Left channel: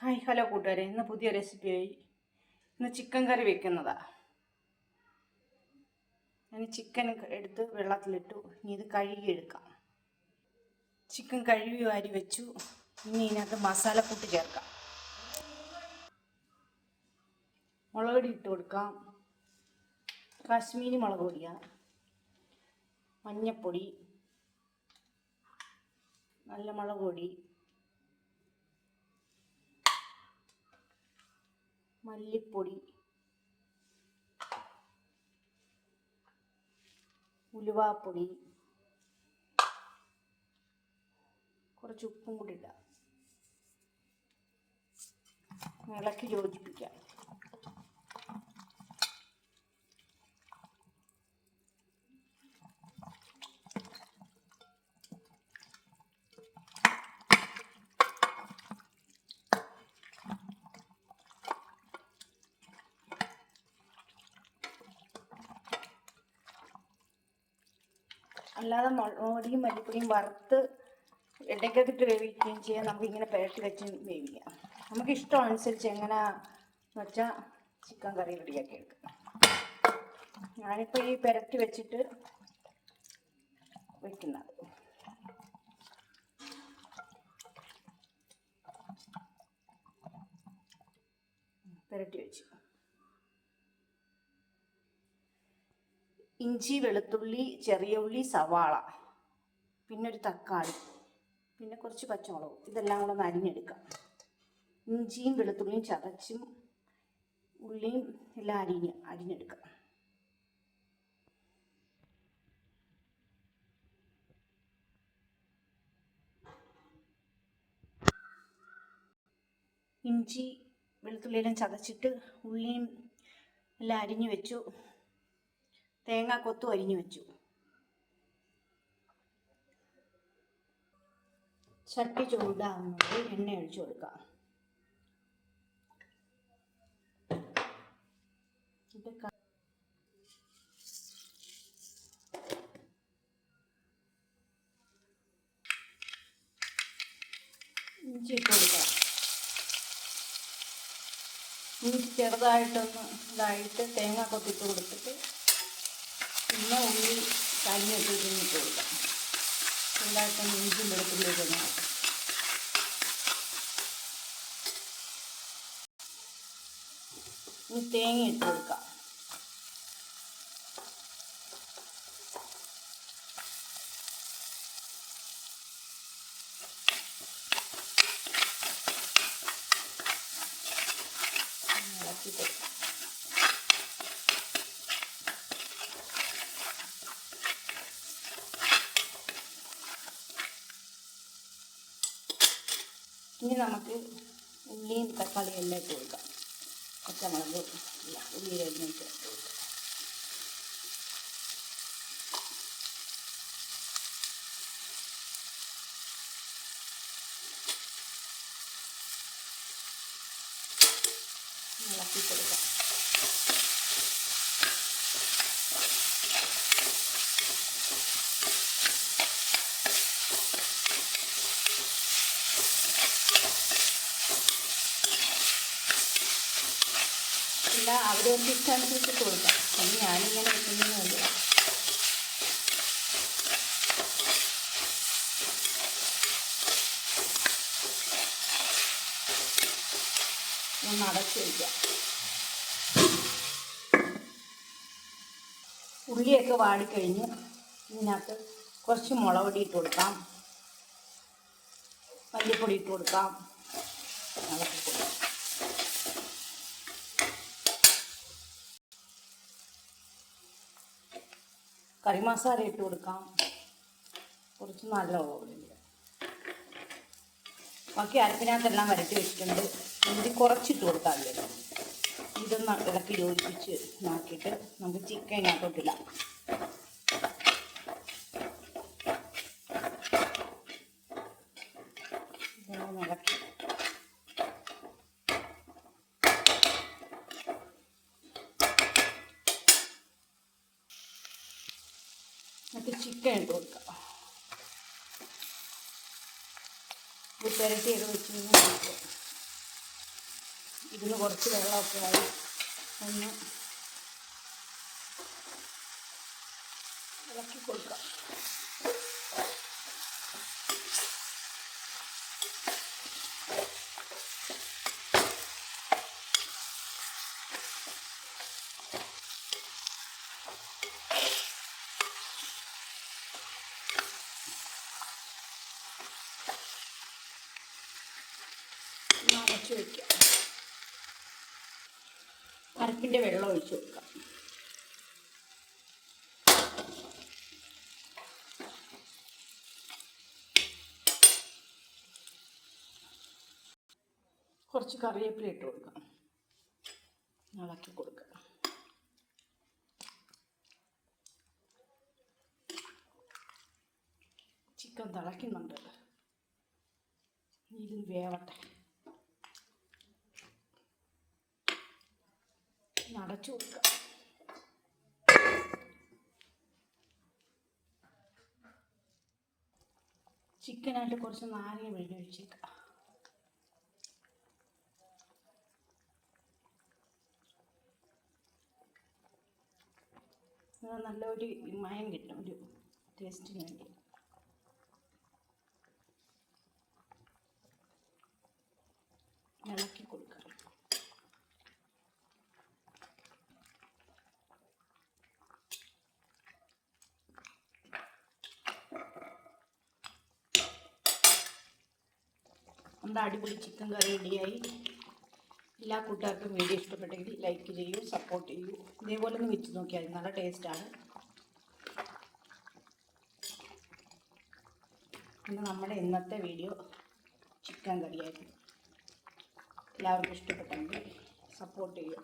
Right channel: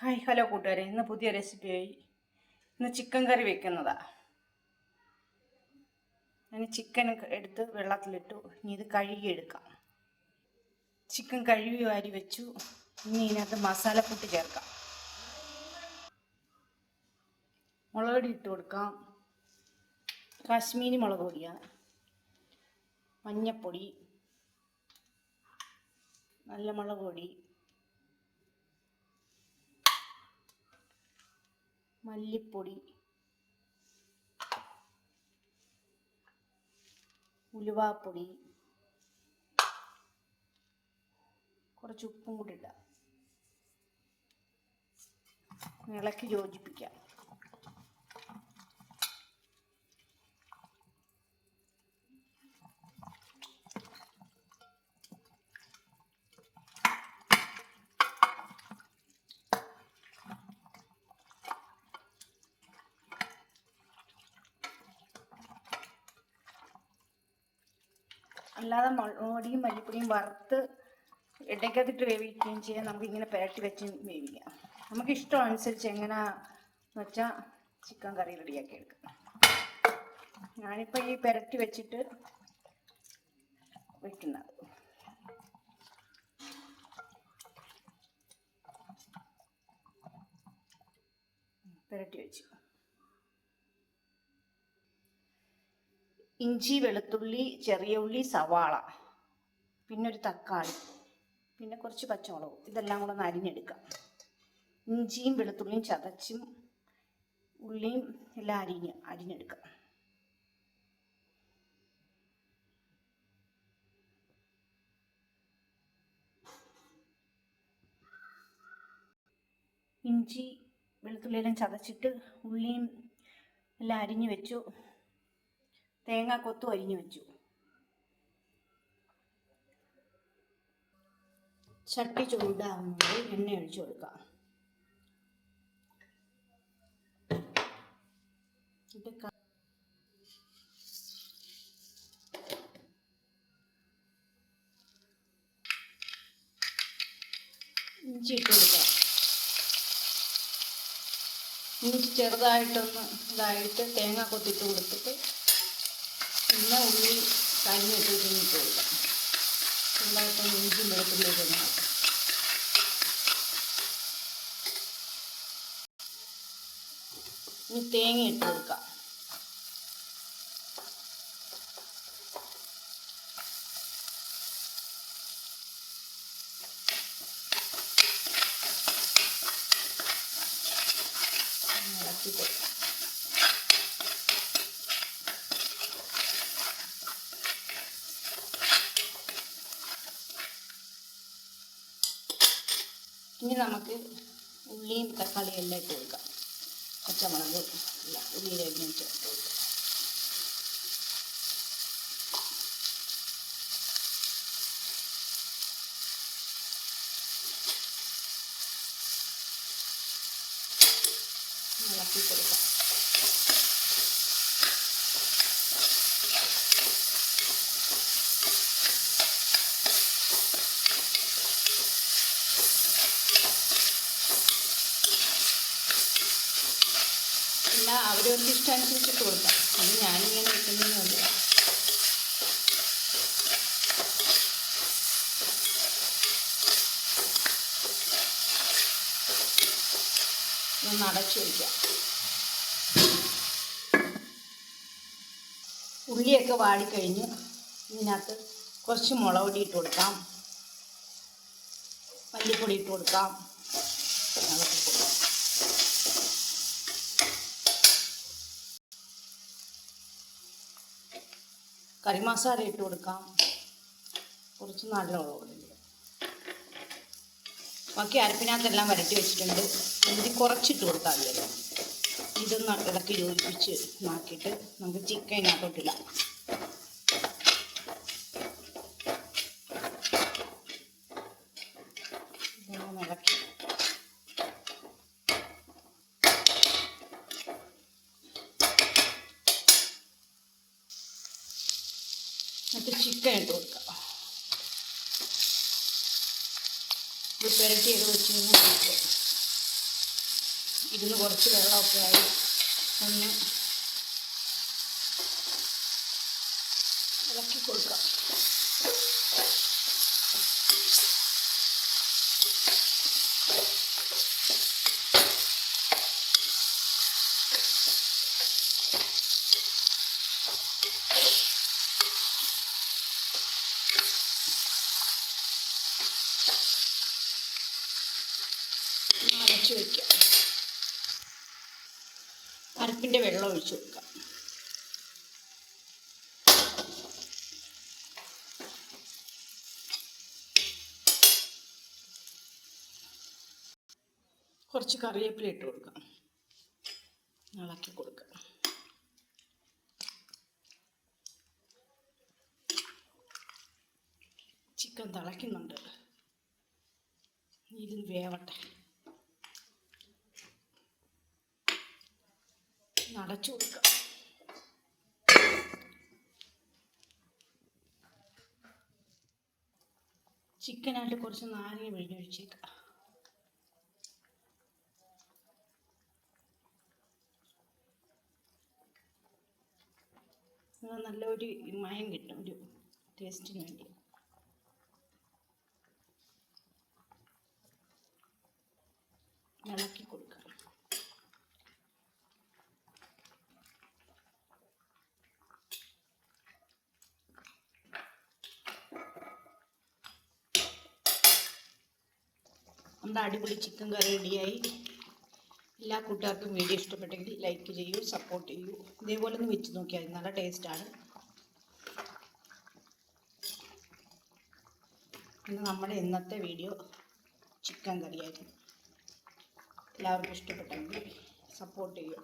Hi hello കൂട്ടുകാരെ. ഇന്ന് പുതിയ റെസിപ്പിയായി ഇന്ന് ചിക്കൻ കറി വെക്കുന്നതാ. ഞാൻ ചിക്കൻ എടുത്ത് വെള്ളത്തിലിട്ടു. ഇനി ഇത് കഴുകിയെടുക്കാം. ചിക്കൻ കഴുകി വാരി വെച്ചു. ഇനി ഇതിനകത്ത് മസാല മസാലക്കൂട്ട് ചേർക്കാം. മുളക് പൊടി ഇട്ട് കൊടുക്കാം. കാശ്മീരി മുളക് പൊടിയാണ് മഞ്ഞപ്പൊടി. നല്ല മുളക് പൊടി. മല്ലിപ്പൊടി ഉലുവാപ്പൊടി കുറച്ച് ഉപ്പും കൂടി ഇടാം. ഇളക്കി യോജിപ്പിക്കാം. അല്ലാതെ മുളകുപൊടിയും മല്ലിപ്പൊടിയും വറുത്ത് ഇടയ്ക്കകത്തിട്ട് വേവിക്കുകയും ചെയ്യാം. നമുക്ക് ഇങ്ങനെ പുരട്ടി വെച്ച് വേവിക്കാം. നമുക്ക് ഇഷ്ടം അനുസരിച്ച് എങ്ങനെ വെച്ചാൽ ചിക്കൻ കറി റെഡിയാക്കി എടുക്കാം. ഞാനിപ്പോൾ ഈ പുരട്ടി വെച്ചിട്ട് വെക്കുന്നത്. പുരട്ടി വെച്ചു. ഇഞ്ചി വെളുത്തുള്ളി ചെറിയ ഉള്ളി സവാള പിന്നെ ഒരു തക്കാളി പിന്നെ കുറച്ച് പച്ചമുളക്. ഇതെല്ലാം കൂടെ ഒന്ന് അരിഞ്ഞെടുക്കാം ഇഞ്ചിയും വെളുത്തുള്ളിയും ചതച്ചും ഉള്ളിയും എല്ലാം അരിഞ്ഞ് അരിഞ്ഞെടുക്കാം ഇഞ്ചി വെളുത്തുള്ളിയെല്ലാം ചതച്ചിട്ട് ഉള്ളിയും എല്ലാം അരിഞ്ഞു വെച്ചു. തേങ്ങ കൊത്തു അരിഞ്ഞു വെച്ചു. ചട്ടി ചൂടാകുന്നത് എണ്ണ ഒഴിച്ചു കൊടുക്കാം. ഇഞ്ചി കൊടുക്കാം. ഇഞ്ചി ചെറുതായിട്ടൊന്ന് ഇതായിട്ട് തേങ്ങ കൊത്തിട്ട് കൊടുത്തിട്ട് പിന്നെ ഉള്ളി കരിഞ്ഞിട്ട് തിന്നിട്ട് കൊടുക്കാം. ചെറുതായിട്ടൊന്ന് ഇഞ്ചി വെളുത്തുള്ളിയൊക്കെ ഇനി തേങ്ങ ഇട്ട് കൊടുക്കാം. ഇളക്കി കൊടുക്കാം. ഇനി നമുക്ക് ഉള്ളിയും തക്കാളിയും എല്ലാം ഇട്ട് കൊടുക്കാം. പച്ചമുളക് എല്ലാം ഉള്ളിയിലരിഞ്ഞ് ചേർത്ത് കൊടുക്കാം. ഇളക്കി കൊടുക്കാം. ഇല്ല അവരവർക്ക് ഇഷ്ടമനുസരിച്ചിട്ട് കൊടുക്കാം അത് ഞാനിങ്ങനെ വെക്കുന്നതിന് വേണ്ടി ഒന്ന് അടച്ചു വയ്ക്കാം ഉള്ളിയൊക്കെ വാടിക്കഴിഞ്ഞ് ഇതിനകത്ത് കുറച്ച് മുളക് പൊടി ഇട്ട് കൊടുക്കാം. മല്ലിപ്പൊടി ഇട്ട് കൊടുക്കാം ഇളക്കി കൊടുക്കാം കറി മസാല ഇട്ട് കൊടുക്കാം. കുറച്ച് നല്ല ഉള്ളി ബാക്കി അരപ്പിനകത്തെല്ലാം വരട്ടി വെച്ചിട്ടുണ്ട്. ഇതിൽ കുറച്ചിട്ട് കൊടുത്താൽ മതിയല്ലോ. ഇതൊന്ന് ഇളക്കി യോജിപ്പിച്ച് നാക്കിയിട്ട് നമുക്ക് ചിക്കൻ ഇതിനകത്തോട്ടിടാം ഇതൊന്ന് ഇളക്കി എന്നിട്ട് ചിക്കൻ ഇട്ട് കൊടുക്കാം. ഇത് പുരട്ടിയൊക്കെ കഴിഞ്ഞാൽ ഇതിന് കുറച്ച് വെള്ളമൊക്കെ ആയി. ഒന്ന് ഇളക്കി കൊടുക്കാം ഒന്ന് അടച്ചു വയ്ക്കുക അരപ്പിന്റെ വെള്ളം ഒഴിച്ചു കൊടുക്കാം. കുറച്ച് കറിവേപ്പില ഇട്ട് കൊടുക്കാം. ഇളക്കി കൊടുക്കാം. ചിക്കൻ തിളയ്ക്കുന്നുണ്ട്. ഇത് വേവട്ടെ. നടച്ചു കൊടുക്കുക. ചിക്കനായിട്ട് കുറച്ച് നാരങ്ങ പിഴിഞ്ഞൊഴിച്ചേക്കാം എന്നാൽ നല്ലൊരു മയം കിട്ടും ഒരു ടേസ്റ്റിന് വേണ്ടി. ഇളക്കി കൊടുക്കാം നമ്മുടെ അടിപൊളി ചിക്കൻ കറി റെഡിയായി. എല്ലാ കൂട്ടുകാർക്കും വീഡിയോ ഇഷ്ടപ്പെട്ടെങ്കിൽ ലൈക്ക് ചെയ്യൂ സപ്പോർട്ട് ചെയ്യൂ. ഇതേപോലെ ഒന്ന് വെച്ച് നോക്കിയാൽ നല്ല ടേസ്റ്റാണ് പിന്നെ നമ്മുടെ ഇന്നത്തെ വീഡിയോ ചിക്കൻ കറിയായിരുന്നു. എല്ലാവർക്കും ഇഷ്ടപ്പെട്ടെങ്കിൽ സപ്പോർട്ട് ചെയ്യൂ.